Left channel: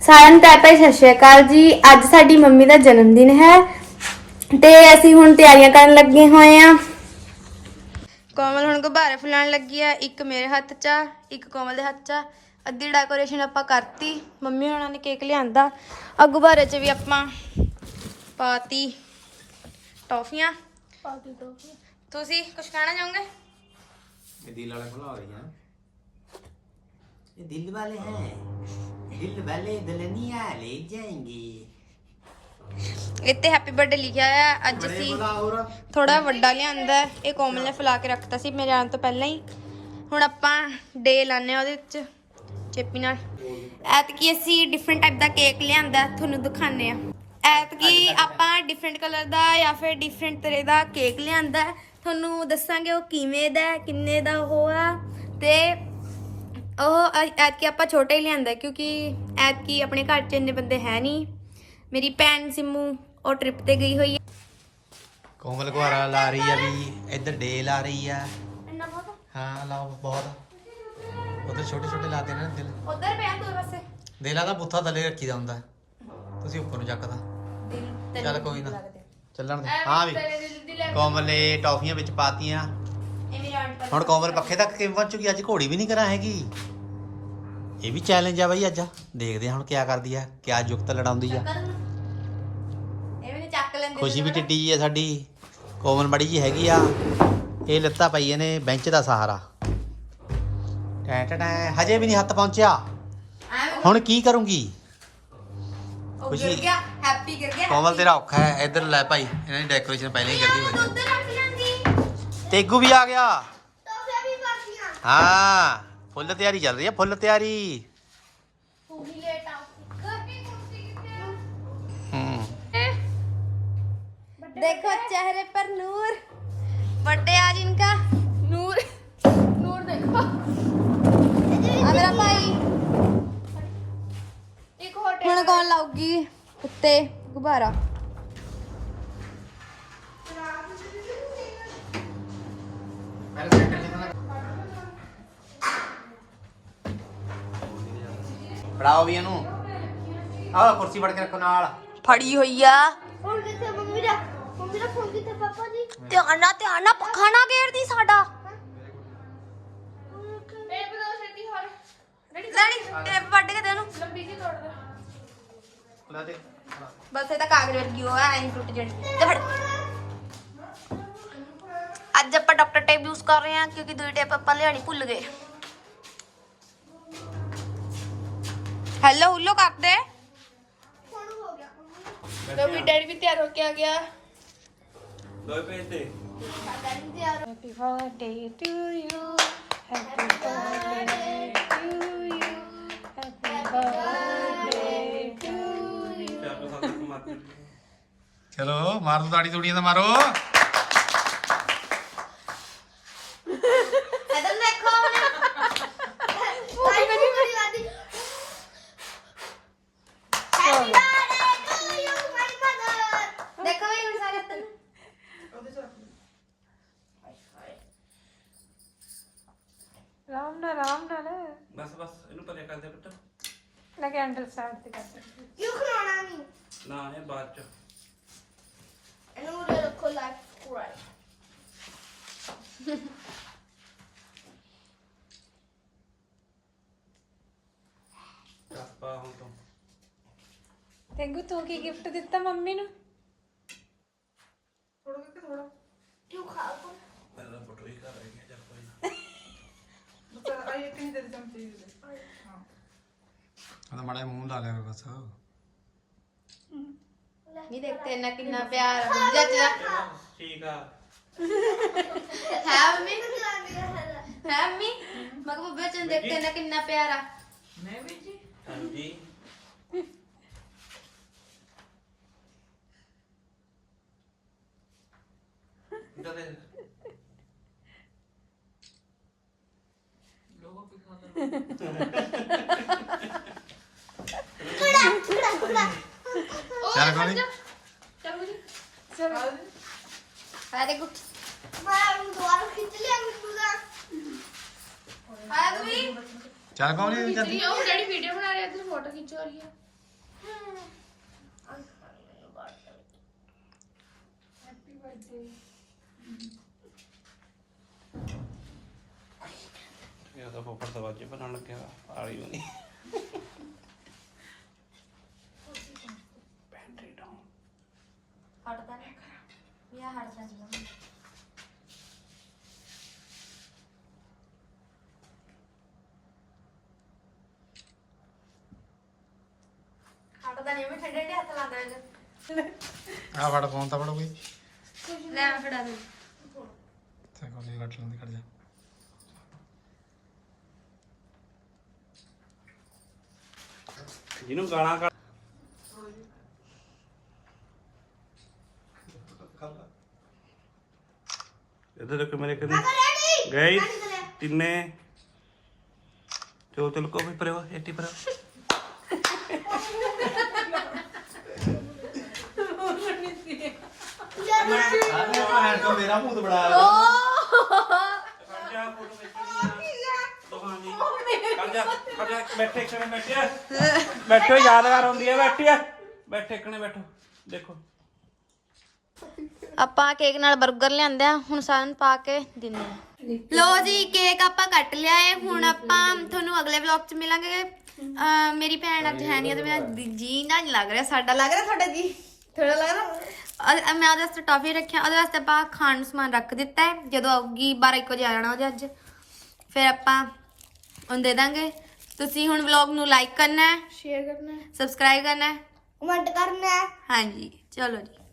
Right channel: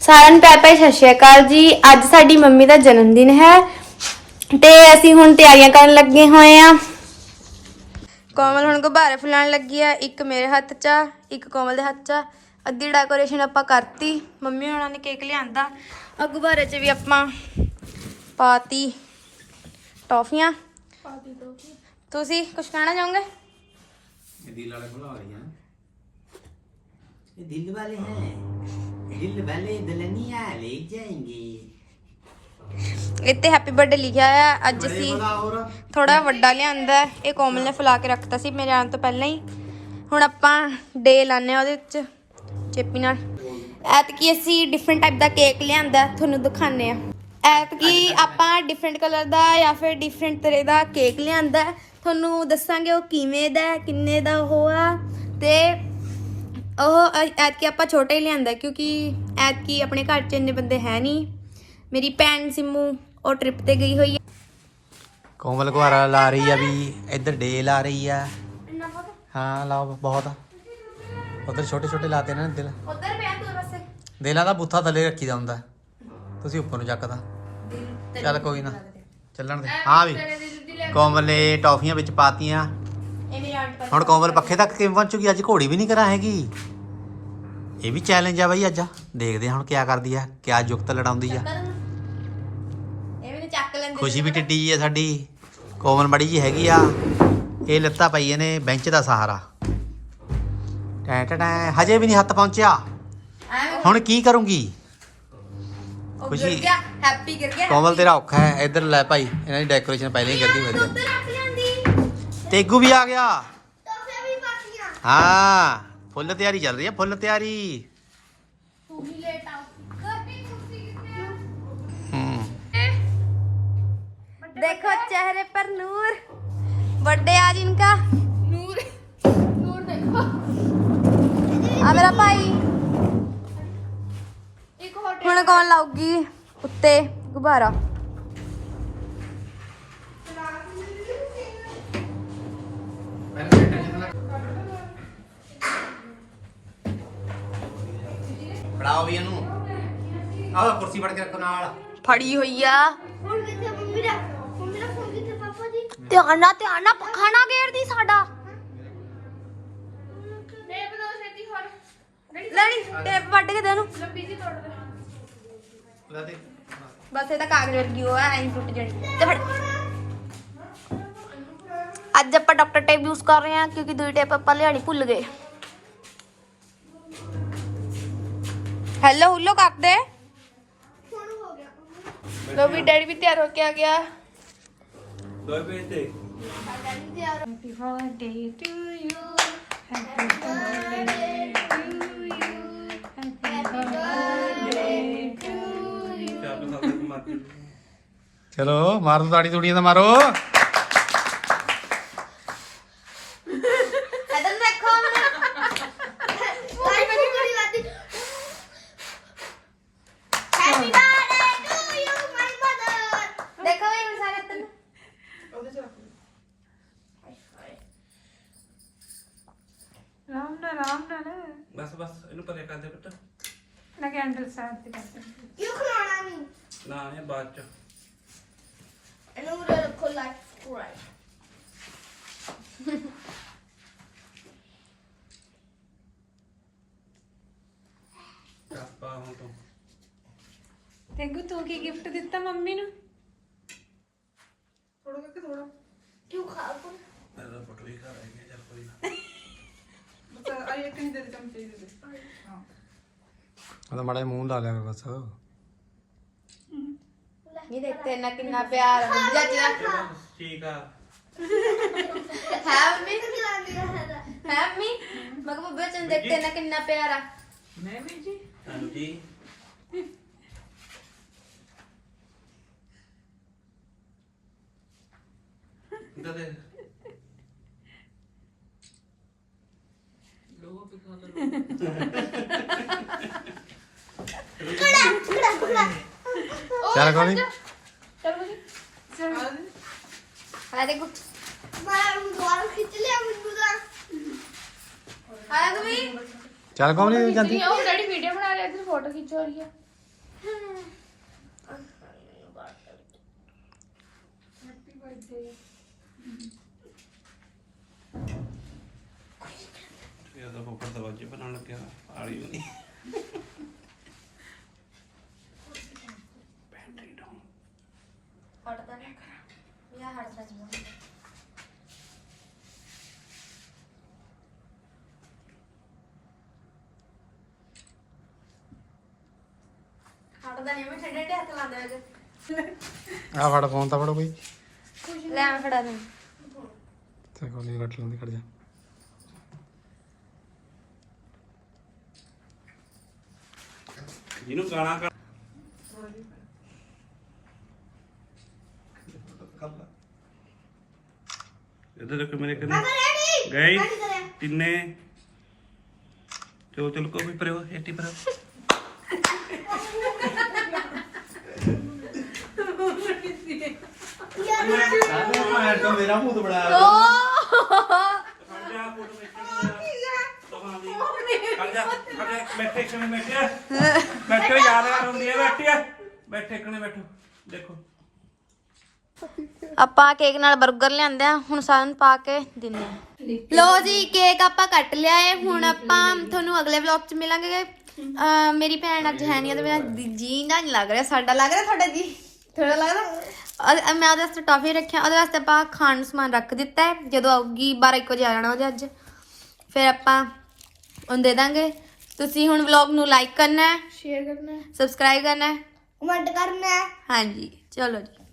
ਸਾਰਿਆਂ ਨੂੰ ਪਿਆਰ ਸਤਿ ਸ਼੍ਰੀ ਅਕਾਲ ਜੀ। ਅੱਜ ਸਾਡੀ ਮੰਮੀ ਦਾ ਜਨਮ ਦਿਨ ਹੈ ਤੇ ਅਸੀਂ ਹੁਣ ਤਿਆਰੀਆਂ ਕਰਨ ਲੱਗੇ ਹੋਏ ਆ ਕੋਮਲ ਹੁਣ ਗੁਬਾਰੇ ਫੁਲਾਉਣ ਲੱਗੀ ਆ। ਇੱਕ ਮੇਰੇ ਹੱਥ 'ਚ ਆ, ਇੱਕ ਕੋਮਲ ਦੇ ਹੱਥ 'ਚ ਆ। ਅੱਧੀ ਡੈਕੋਰੇਸ਼ਨ ਆਪਾਂ ਕਰਤੀ। ਮੰਮੀ ਹੁਣਾਂ ਨੇ ਕੇਕ ਲਿਆਂਦਾ। ਆ ਗੁਬਾਰੇ 'ਚ ਵੀ ਆਪਾਂ ਪਾਤੀ ਟੋਫੀਆਂ। ਪਾਤੀ ਟੌਫੀਆਂ। ਤੁਸੀਂ ਕੁਝ ਕਹਿਣਾ ਚਾਹੋਗੇ? ਇਹਦੀ ਲਾਲਾ ਖੁਲਾ ਰਹੀਆਂ। दिल वाले हैं दिल वाले दुल्हनिया ले जाएंगे ਇੱਥੇ ਹੈਪੀ ਬਰਥਡੇ ਲਿਖਿਆ ਆ ਅੱਜ ਅਸੀਂ और ਥੋੜਾ ਵੱਡਾ ਲਿਆਂਦਾ ਹੈ। ਇਹ ਕੋਮਲ ਨੇ ਫੁਲਾ ਕੇ ਰੱਖਤਾ ਸੀ ਮੇਰੇ ਆਉਣ ਤੋਂ ਪਹਿਲਾਂ ਹੀ ਹੁਣ ਆਪਾਂ ਡੇ ਲਾਣੇ ਉਹਦੇ ਵਿੱਚ ਚੇਪੀ ਨਾਲ ਐਤਕੀ ਅਸੀਂ ਡਿਫਰੈਂਟ ਟਾਈਪ ਦਾ ਕੇਕ ਲਿਆਂਦਾ ਤੁਹਾਨੂੰ ਦਿਖਾਣੇ ਆ ਐਤਕੀ ਆਪਾਂ ਡਿਫਰੈਂਟ ਕਲਰ ਦਾ ਜਾਂ ਫਿਰ ਡਿਫਰੈਂਟ ਤਰ੍ਹਾਂ ਦਾ ਕੇਕ ਲਿਆਂਦਾ ਹੈ। ਤੁਹਾਨੂੰ ਦੱਸਾਂਗੇ ਉਹ ਕਿਵੇਂ ਦਾ ਹੈ, ਕਿੰਨੇ ਦਾ ਉਹ ਆ ਤੇ ਉਹ ਐਤਕੀ ਆਪਾਂ ਛੋਟਾ ਹੀ ਲਿਆਂਦਾ ਕਿਉਂਕਿ ਐਤਕੀ ਆਪਣੇ ਘਰ 'ਚ ਇੰਨੇ ਬੰਦੇ ਹੈ ਨਹੀਂ ਮੇਰੀ ਭੈਣ ਸਿੰਮੂ ਉਹ ਟ੍ਰਿਪ ਤੇ ਗਈ ਹੋਈ ਹੈ ਕੋਮਲ ਕੁਹਾਰਾ ਲਾ ਰਹੀ ਆ ਵੀ ਇੱਧਰ ਡੇ ਲਾ ਰਹੀ ਆ। ਹਾਂ ਲਾਓ ਬਹੁਤ। ਉਧਰ ਛੋਟੇ ਛੋਟੇ ਲਾਤੇ ਨੇ ਦਿਲ। ਉਧਰ ਪਿਆ ਤੂੰ ਬਸ? ਦਿਲਾਂ ਦਾ ਬੁੱਥਾ ਥੱਲੇ ਰੱਖੀਦਾ ਹੁੰਦਾ। ਤੁਸੀਂ ਉੱਪਰ ਨੂੰ ਚੱਕਦਾ। ਚੱਲ ਕੋਈ ਨਾ। ਚੱਲਣ ਦੇ। ਹਾਂ ਵੀ। ਕੋਮਲ ਨੇ ਟੌਫੀਆਂ ਵਿੱਚ ਪਾਤੀਆਂ। ਹੁਣ ਕੋਮਲ ਪੱਖੇ ਤੱਕ ਕਿਵੇਂ ਪਹੁੰਚੂਗੀ ਅੱਜ ਘੋੜੀ ਵੀ ਨਹੀਂ ਕਰਾਂ ਹੈਗੀ। ਇਹ ਵੀ ਚੈਲੰਜ ਆ ਬਾਈ ਅੱਜ। ਦੇਖਦੇ ਹਾਂ ਹੁਣ ਕਿਆ ਕਰਦੀ ਆ ਕਿਆ ਜੁਗਤ ਲੜਾਉਂਦੀ ਆ। ਇਹ ਮੈਨੂੰ ਚੱਕ ਲੈਂਦੇ ਖੁਸ਼ੀ ਵੀ ਟਿੱਡੀ ਜੀ ਆ ਸਾਡੀ। ਕੋਮਲ ਮੜੀ ਜੀ ਹੈਗੀ ਆ। ਇਹ ਲੱਤਾਂ ਪਈਆਂ ਨੇ ਬੈਂਚ ਦਾ ਸਹਾਰਾ। ਟੈ ਟੈ ਹਜੇ ਵੀ ਨਹੀਂ ਹੱਥ ਪਹੁੰਚਿਆ। ਹੁਣ ਕੀ ਕਰੂੰਗੀ? ਉਹ। ਗਿਰ ਗਿਆ ਹੈਪੀ ਗਿਰ ਗਿਆ ਕੋਮਲ ਤੇਰਾ ਔਖਾ ਹੈ। ਇੱਧਰ ਲੈ ਭਾਈ ਇਹਨਾਂ ਦੀ ਡੈਕੋਰੇਸ਼ਨ ਪਹਿਲਾਂ ਹੀ ਕਰਦੀ ਵਧੀਆ ਤੇਗੂ ਵੀ ਆ ਗਿਆ। हाँ फुल तैयारी चल रही है फुल तैयारी। हम्म। देखो चेहरे पर नूर बर्थडे आज इनका। नूर नूर देखो। आ मेरा भाई। एक और कौन लाऊगी? उत्ते गुब्बारा। ਫੜਾਓ ਵੀ ਇਹਨੂੰ। ਆਹ ਕੁਰਸੀ ਫੜ ਕੇ ਰੱਖੋ ਨਾਲ। ਫੜੀ ਹੋਈ ਆ। ਹੁਣ ਕਿੱਥੇ ਮੰਮੀ ਦਾ ਮੰਮੀ ਦਾ ਫੋਨ ਕਿੱਥੇ ਪਾਪਾ ਜੀ? ਧਿਆਨ ਨਾਲ ਧਿਆਨ ਨਾਲ ਪੱਖਾ ਨਾ ਗੇੜਦੀ ਸਾਡਾ। ਮੈਂ ਬਣਾ ਸਕਦੀ ਹੋਰ ਲੈਣੀ ਟੇਪ ਵੱਢ ਕੇ ਦੇ ਇਹਨੂੰ ਲੰਬੀ ਜੀ ਤੋੜ ਦੇ। ਲੈ ਦੇ। ਬਸ ਇਹ ਤਾਂ ਕਾਗਜ਼ ਵਰਗੀ ਉਹ ਐਂ ਹੀ ਟੁੱਟ ਜਾਣੀ। ਤੇ ਫੜ। ਅੱਜ ਆਪਾਂ ਡਾਕਟਰ ਟੇਪ ਯੂਜ਼ ਕਰ ਰਹੇ ਹਾਂ ਕਿਉਂਕਿ ਦੂਈ ਟੇਪ ਆਪਾਂ ਲਿਆਣੀ ਭੁੱਲ ਗਏ। ਹੈਲੋ ਹੁੱਲੋ ਕਰਦੇ। ਹੁਣ ਹੋ ਗਿਆ। ਲੋ ਵੀ ਡੈਡੀ ਵੀ ਤਿਆਰ ਹੋ ਕੇ ਆ ਗਿਆ। ਦੋ ਪੇਜ ਤੇ happy birthday to you happy birthday to you happy birthday to ਚਲੋ ਮਾਰ ਦੋ ਤਾੜੀ ਤੂੜੀਆਂ ਤਾਂ ਮਾਰੋ ਇਧਰ ਦੇਖੋ ਭਾਈ ਮੇਰੀ ਬੜੀ ਲਾਦੀ happy birthday to you my mother ਦੇਖੋ ਇਹ ਸਾਰੇ ਰਾਮ ਨਾਲ ਰਾਮ ਨਾਲ ਬਸ ਇਹਨੂੰ ਪਰੇ ਕਰ ਦੇ ਪੁੱਤ। ਮੈਂ ਕੈਂਡਲ ਸਟਾਰਟ ਤੇ ਕਰ ਯੂ ਖਲਾਣਾ ਨਹੀਂ ਨਾ? ਇਹ ਬਾਅਦ ਚ। ਇਹਨੂੰ ਉਰੇ ਰੱਖੋ ਲਾਈਕ ਸਬਸਕ੍ਰਾਈਬ ਕਾਪਾ ਹੁਣ ਤੋਂ। ਤੈਨੂੰ ਤੂੰ ਕੀ ਗਿਫਟ ਦਿੱਤਾ ਮੰਮੀ ਨੂੰ? ਕਿਉਂ ਖਾ ਕੋ ਪਹਿਲਾਂ ਫੋਟੋ ਹੀ ਕਰ ਰਹੀ ਉਹਦਾ ਮਾੜਾ ਜਿਹਾ ਮੂੰਹ ਲਾ ਲਿਆ ਬਸ ਨਹੀਂ ਦੇਖਤੇ ਨਾ ਕਿੰਨਾ ਪਿਆਰ ਹੁੰਦਾ ਚਿਹਰਾ ਠੀਕ ਆ ਹੈ ਮੰਮੀ ਖਲਾਉਂਦੀ ਹੈ ਹੈ ਮੰਮੀ ਮੈਂ ਕਿਹਾ ਬੱਚਨ ਦੇਖਤੇ ਨਾ ਕਿੰਨਾ ਪਿਆਰ ਆ ਹਾਂਜੀ ਇਧਰ ਦੇ ਲੋਗੋ पे खा ਖੜਾ ਖੜਾ ਚੱਲ ਕੋਈ ਨੀ। ਆ ਦੇਖੋ ਮੈਂ ਉਹਨੂੰ ਦੁਬਾਰਾ ਖਿੱਚ ਲਿਆ ਮੈਨੂੰ ਦਾ ਆ ਤੂੰ ਚੱਲ ਕੋਈ ਨਹੀਂ ਜਾਂਦੀ ਉਹ ਡੈਡੀ ਵੀਡੀਓ ਬਣਾ ਰਿਹਾ ਤੂੰ ਫੋਟੋ ਖਿਚਵਾ ਰਹੀ ਹੈ ਹੈਪੀ ਬਰਥਡੇ ਇਹ ਤਾਂ ਕੋਪਰ ਦਵਾਜੇ ਬਣਾਉਣ ਲੱਗਿਆ ਆਲੀ ਨਹੀਂ ਬੈਟਰੀ ਡਾਊਨ ਹਟਦਾ ਨਹੀਂ ਯਾ ਹਟਦਾ ਨਹੀਂ ਹਟਦਾ ਨਹੀਂ ਮੈਂ ਠੰਡੇ ਠੰਡੇ ਹੱਥ ਲਾਉਂਦੇ ਵਿੱਚ ਆ ਫੜ ਫੋਨ ਤਾਂ ਫੜੋ ਕੋਈ। ਲੈ ਆ ਫੜਾ ਦੇ ਤੇ ਕੋਈ ਨਹੀਂ ਕੱਟ ਲੈਂਦੇ ਖੜ ਜਾ। ਜਿਹਨੂੰ ਗਾਣਾ ਕਰ ਇਧਰ ਦੇਖੋ ਮੇਰੇ ਕਨੇ ਗਏ ਤਿੰਨੇ ਚਲੋ ਚਲੋ ਮੈਂ ਤਾਂ ਮੇਰਾ ਮੂੰਹ ਤੇ ਬਣਾ ਬੈਠੇ ਕਣੇ ਬੈਠੇ। ਬੈਠੋ ਯਾਦ ਆ ਹੁੰਦੀ ਹੈ ਬੈਠੀ ਆ। ਬੈਠੇ ਕਣੇ ਬੈਠੋ। ਦੇਖੋ। ਆਪਾਂ ਕੇਕ ਨਾਲ 버ਗਰ ਲਿਆਂਦੇ ਆ ਹੁਣ ਸਾਰਿਆਂ ਨੂੰ ਪਾ ਕੇ ਦਿੰਦੇ ਆ। ਲੋ ਜੀ ਕੇਕ ਆਪਾਂ ਕੱਟ ਲਿਆ ਏ ਹੁਣ ਆਪਾਂ ਤੁਹਾਨੂੰ ਅਗਲੇ ਵਲੌਗ 'ਚ ਮਿਲਾਂਗੇ। ਅਹ ਮੇਰੀ ਭੈਣ ਅੱਜ ਹੈ ਨਹੀਂ ਉਹਦੇ ਬਿਨਾਂ ਜੀ ਨਾ ਨਹੀਂ ਲੱਗ ਰਿਹਾ ਸਾਡਾ ਲੱਗ ਰਿਹਾ ਤੁਹਾਡਾ ਜੀ? ਥੋੜਾ ਲੱਗਦਾ ਮੈਂ ਉਹਦੇ ਵਾਸਤੇ ਟੌਫੀ ਰੱਖਿਆ ਉਹਦੇ ਵਾਸਤੇ ਆਪਾਂ ਖਾਣ ਨੂੰ ਸਮਾਨ ਰੱਖ ਦਿੱਤਾ ਹੈ ਜਦੋਂ ਆਊਗੀ 12 1 ਵਜੇ ਆ ਜਾਣਾ ਉਹਦੇ ਅੱਜ। ਫਿਰ ਆਪਾਂ ਉਹਨੂੰ ਦੇ ਦਾਂਗੇ। ਤੁਸੀਂ ਹੁਣ ਵਲੌਗ ਨੂੰ ਲਾਈਕ ਕਰਨਾ ਹੈ ਸ਼ੇਅਰ ਕਰਨਾ ਹੈ ਸਬਸਕ੍ਰਾਈਬ ਕਰਨਾ ਹੈ ਕਮੈਂਟ ਕਰਨਾ ਹੈ ਹਾਂਜੀ ਚਲੋ ਜੀ।